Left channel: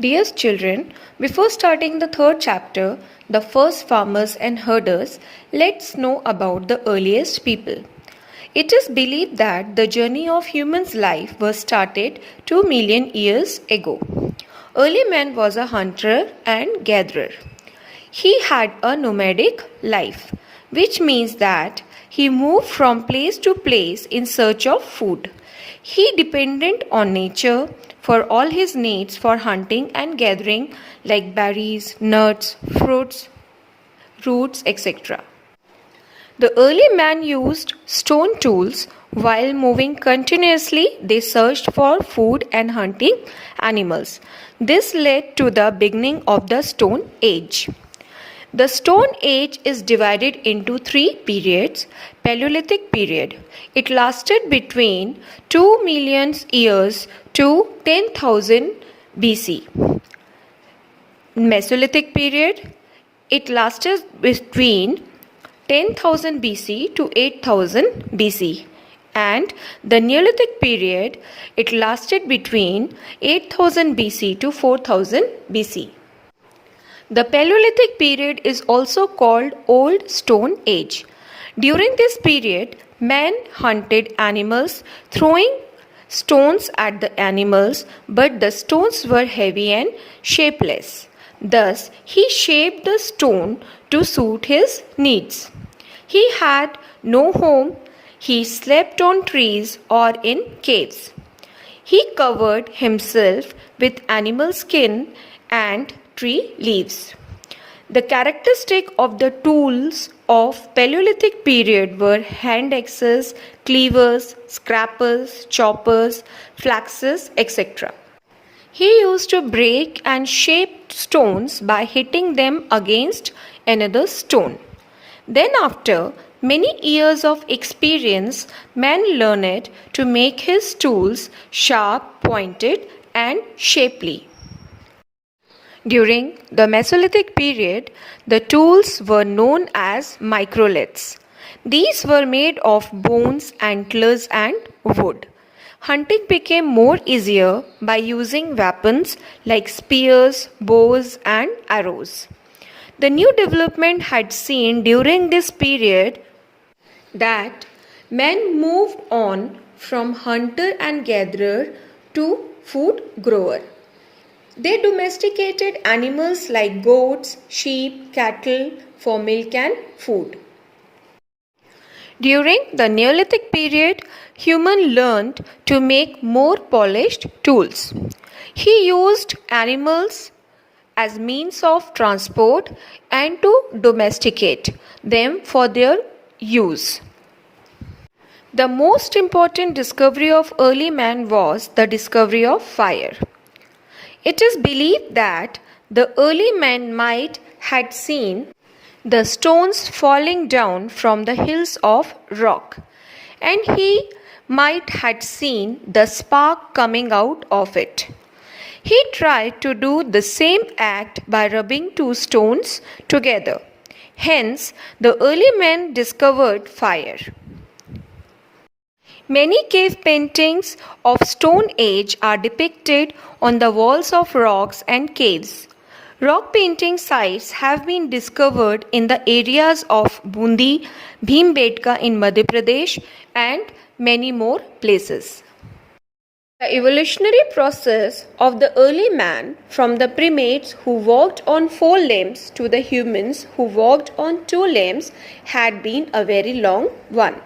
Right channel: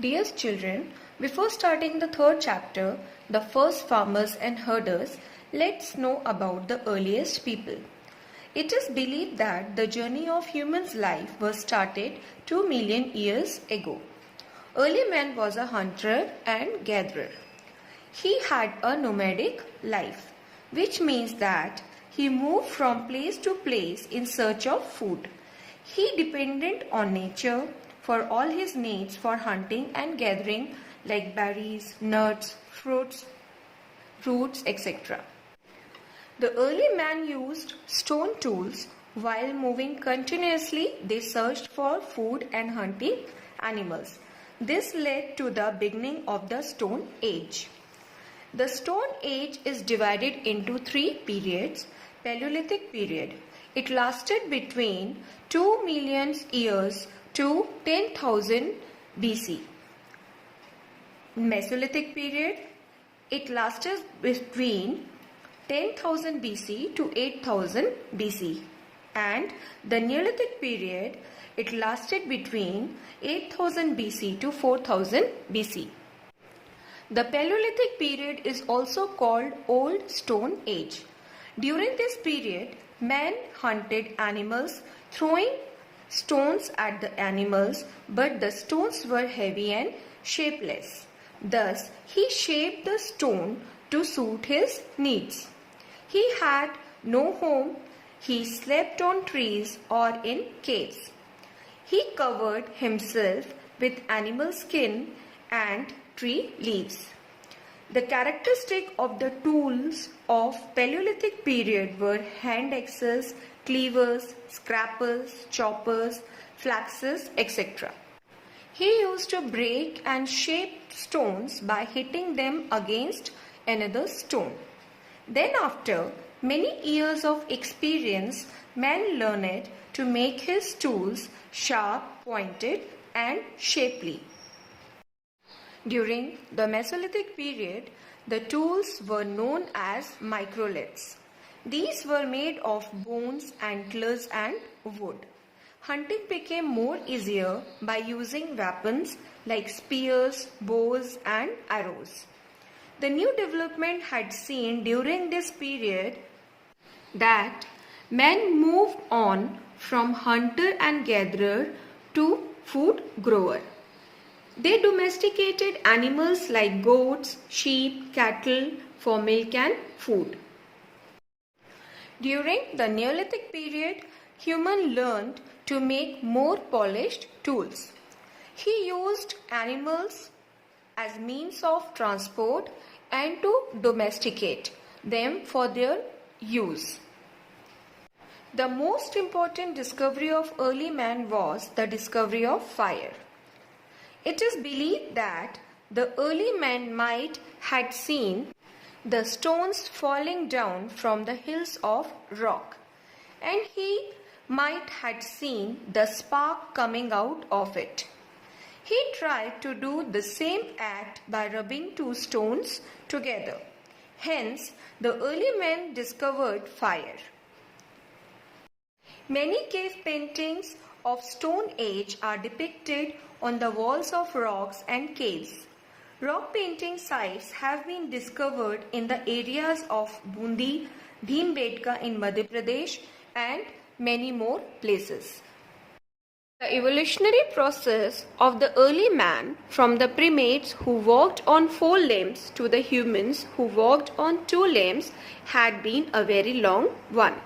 Dear children, before starting the third chapter, the first farmers and herders, let's know about the earliest people. It is believed that the journey of human's life was started 2 million years ago. Early man was a hunter and gatherer. He had a nomadic life, which means that he moved from place to place in search of food. He depended on nature for all his needs for hunting and gathering like berries, nuts, fruits, roots, etc. The early man used stone tools. While moving continuously, they searched for food and hunting animals. This led to the beginning of the Stone Age. The Stone Age is divided into 3 periods. Paleolithic period. It lasted between 2 million years to 10,000 BC. Mesolithic period. It lasted between 10,000 BC to 8,000 BC. And the Neolithic period, it lasted between 8,000 BC to 4,000 BC. The Paleolithic period is also called Old Stone Age. During this period, man hunted animals, throwing stones at the animals, but the stones were heavy and shapeless. Thus, he shaped the stone to suit his needs. He had no home. He slept on trees or in caves. He covered himself with animal skin and tree leaves. The characteristic of the tools of Paleolithic period were hand axes, cleavers, scrapers, choppers, flaxes, etc. He used to break and shape stones by hitting them against another stone. Then after many years of experience, man learned to make his tools sharp, pointed and shapely. During the Mesolithic period, the tools were known as microliths. These were made of bones, antlers and wood. Hunting became more easier by using weapons like spears, bows and arrows. The new development had seen during this period that men moved on from hunter and gatherer to food grower. They domesticated animals like goats, sheep, cattle for milk and food. During the Neolithic period, human learned to make more polished tools. He used animals as means of transport and to domesticate them for their use. The most important discovery of early man was the discovery of fire. It is believed that the early man might had seen the stones falling down from the hills of rock, and he might had seen the spark coming out of it. He tried to do the same act by rubbing 2 stones together. Hence, the early men discovered fire. Many cave paintings of Stone Age are depicted on the walls of rocks and caves. Rock painting sites have been discovered in the areas of Bundi, Bhimbetka in Madhya Pradesh and many more places. The evolutionary process of the early man, from the primates who walked on 4 limbs to the humans who walked on 2 limbs, had been a very long one.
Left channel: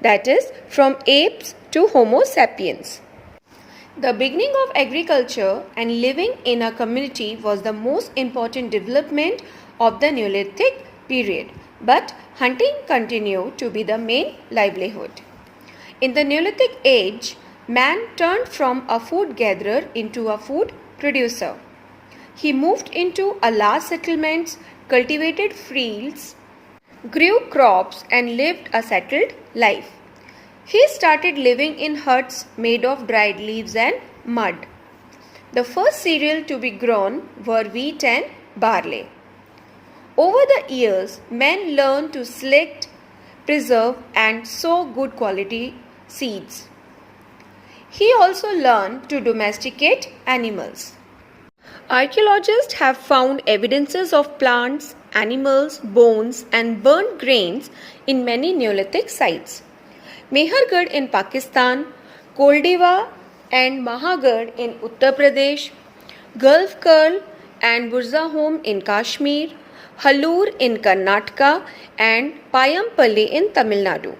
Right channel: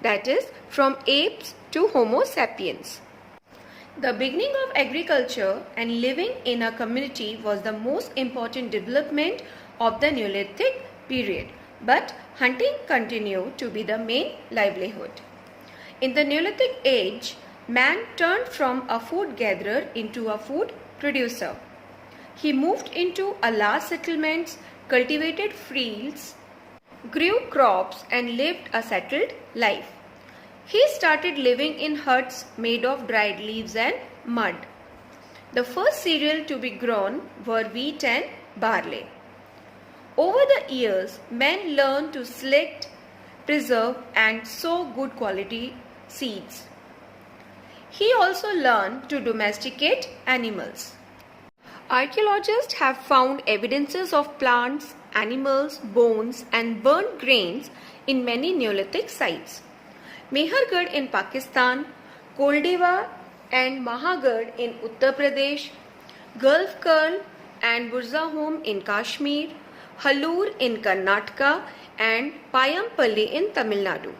That is, from apes to Homo sapiens. The beginning of agriculture and living in a community was the most important development of the Neolithic period, but hunting continued to be the main livelihood. In the Neolithic Age, man turned from a food gatherer into a food producer. He moved into a large settlements, cultivated fields, grew crops and lived a settled life. He started living in huts made of dried leaves and mud. The first cereal to be grown were wheat and barley. Over the years, men learned to select, preserve and sow good quality seeds. He also learned to domesticate animals. Archaeologists have found evidences of plants, animals, bones, and burnt grains in many Neolithic sites. Mehrgarh in Pakistan, Koldeva and Mahagarh in Uttar Pradesh, Gulf Curl and Burzahom in Kashmir, Halur in Karnataka, and Payampalli in Tamil Nadu.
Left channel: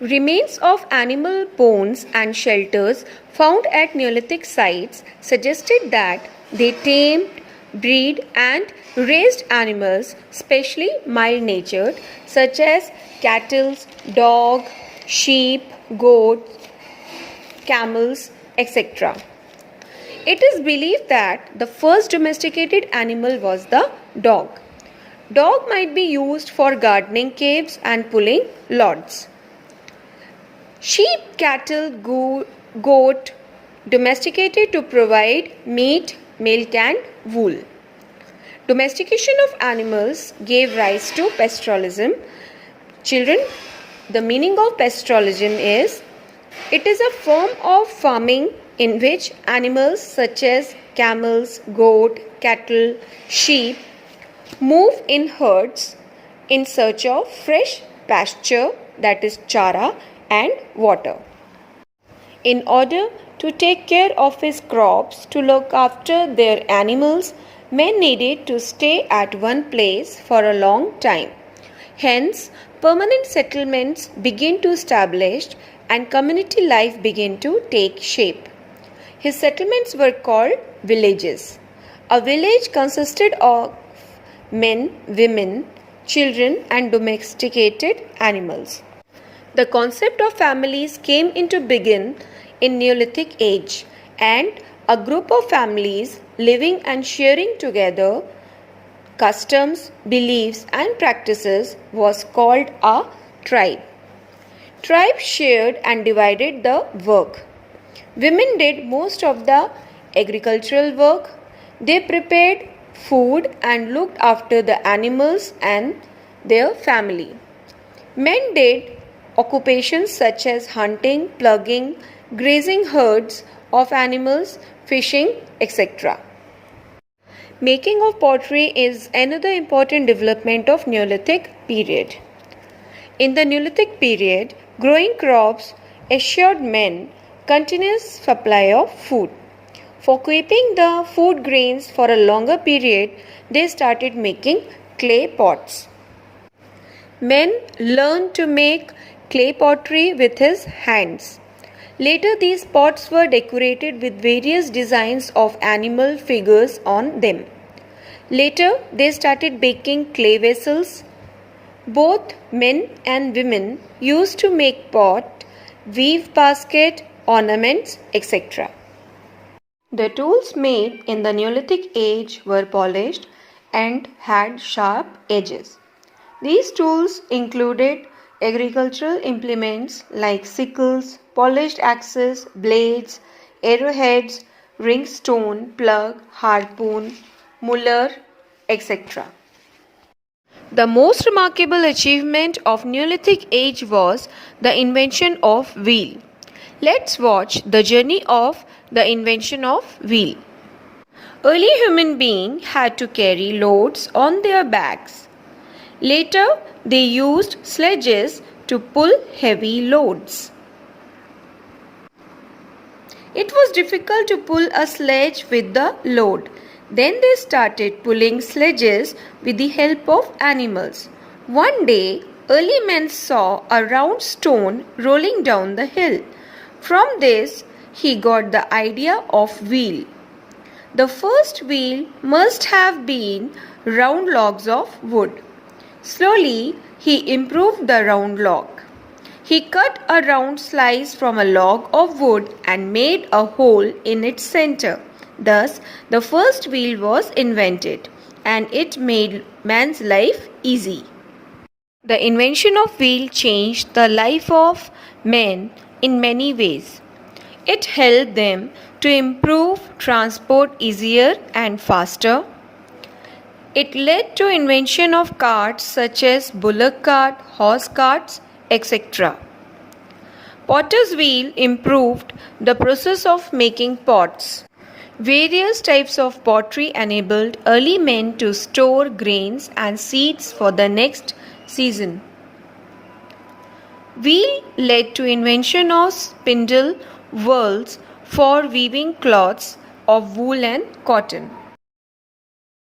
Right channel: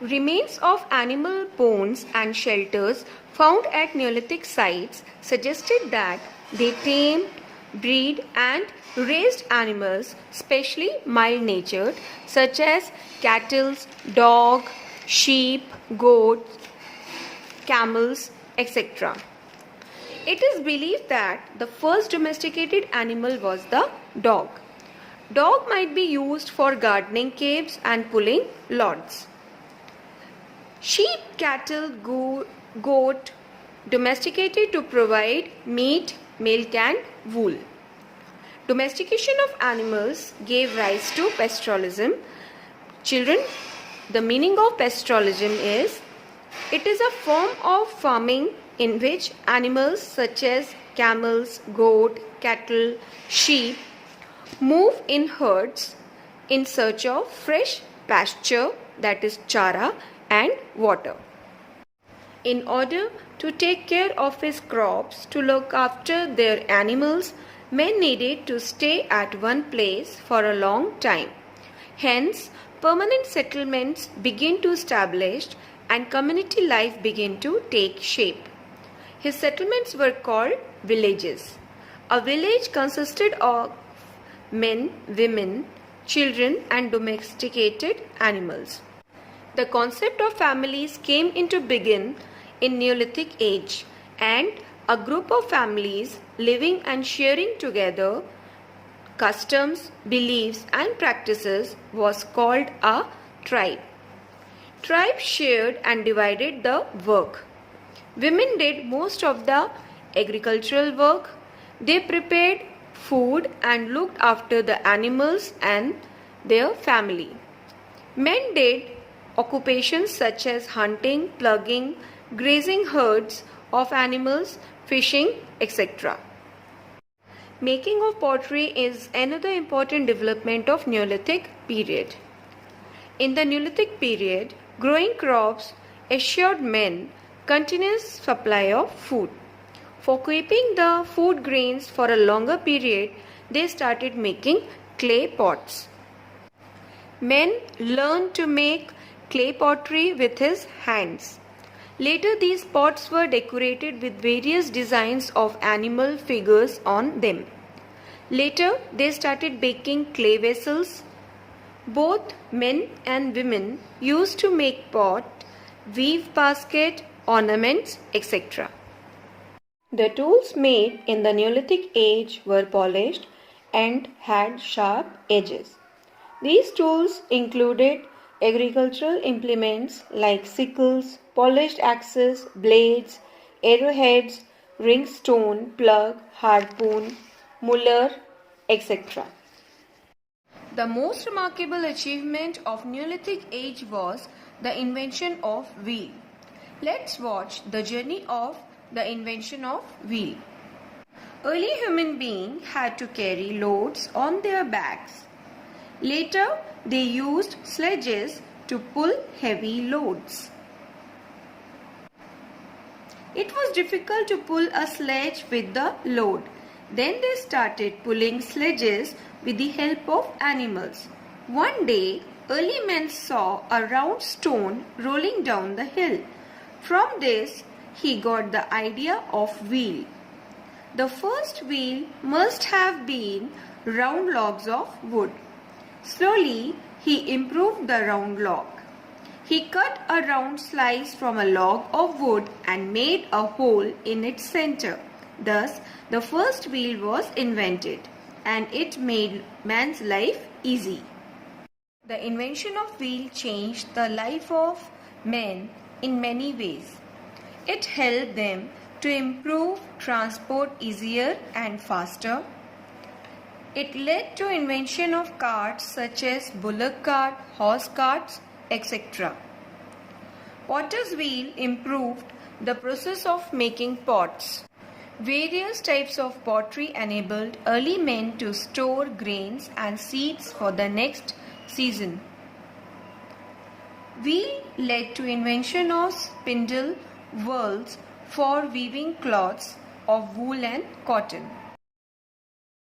Remains of animal bones and shelters found at Neolithic sites suggested that they tamed, bred, and raised animals, especially mild-natured, such as cattle, dog, sheep, goats, camels, etc. It is believed that the first domesticated animal was the dog. Dog might be used for gardening caves and pulling logs. Sheep, cattle, goat domesticated to provide meat, milk and wool. Domestication of animals gave rise to pastoralism. Children, the meaning of pastoralism is, it is a form of farming in which animals such as camels, goat, cattle, sheep move in herds in search of fresh pasture, that is chara, and water. In order to take care of his crops, to look after their animals, men needed to stay at one place for a long time. Hence, permanent settlements began to establish and community life began to take shape. His settlements were called villages. A village consisted of men, women, children, and domesticated animals. The concept of families came into being in Neolithic Age, and a group of families living and sharing together customs, beliefs, and practices was called a tribe. Tribes shared and divided the work. Women did most of the agricultural work. They prepared food and looked after the animals and their family. Men did occupations such as hunting, plugging, grazing herds of animals, fishing, etc. Making of pottery is another important development of Neolithic period. In the Neolithic period, growing crops assured men continuous supply of food. For keeping the food grains for a longer period, they started making clay pots. Men learned to make clay pottery with his hands. Later, these pots were decorated with various designs of animal figures on them. Later, they started baking clay vessels. Both men and women used to make pot, weave basket, ornaments, etc. The tools made in the Neolithic age were polished and had sharp edges. These tools included agricultural implements like sickles, polished axes, blades, arrowheads, ring stone, plug, harpoon, muller, etc. The most remarkable achievement of Neolithic age was the invention of wheel. Let's watch the journey of the invention of wheel. Early human beings had to carry loads on their backs. Later, they used sledges to pull heavy loads. It was difficult to pull a sledge with the load. Then they started pulling sledges with the help of animals. One day, early men saw a round stone rolling down the hill. From this, he got the idea of wheel. The first wheel must have been round logs of wood. Slowly, he improved the round log. He cut a round slice from a log of wood and made a hole in its center. Thus, the first wheel was invented, and it made man's life easy. The invention of wheel changed the life of men in many ways. It helped them to improve transport easier and faster. It led to invention of carts such as bullock cart, horse carts, etc. Potter's wheel improved the process of making pots. Various types of pottery enabled early men to store grains and seeds for the next season. Wheel led to invention of spindle wheels for weaving cloths of wool and cotton.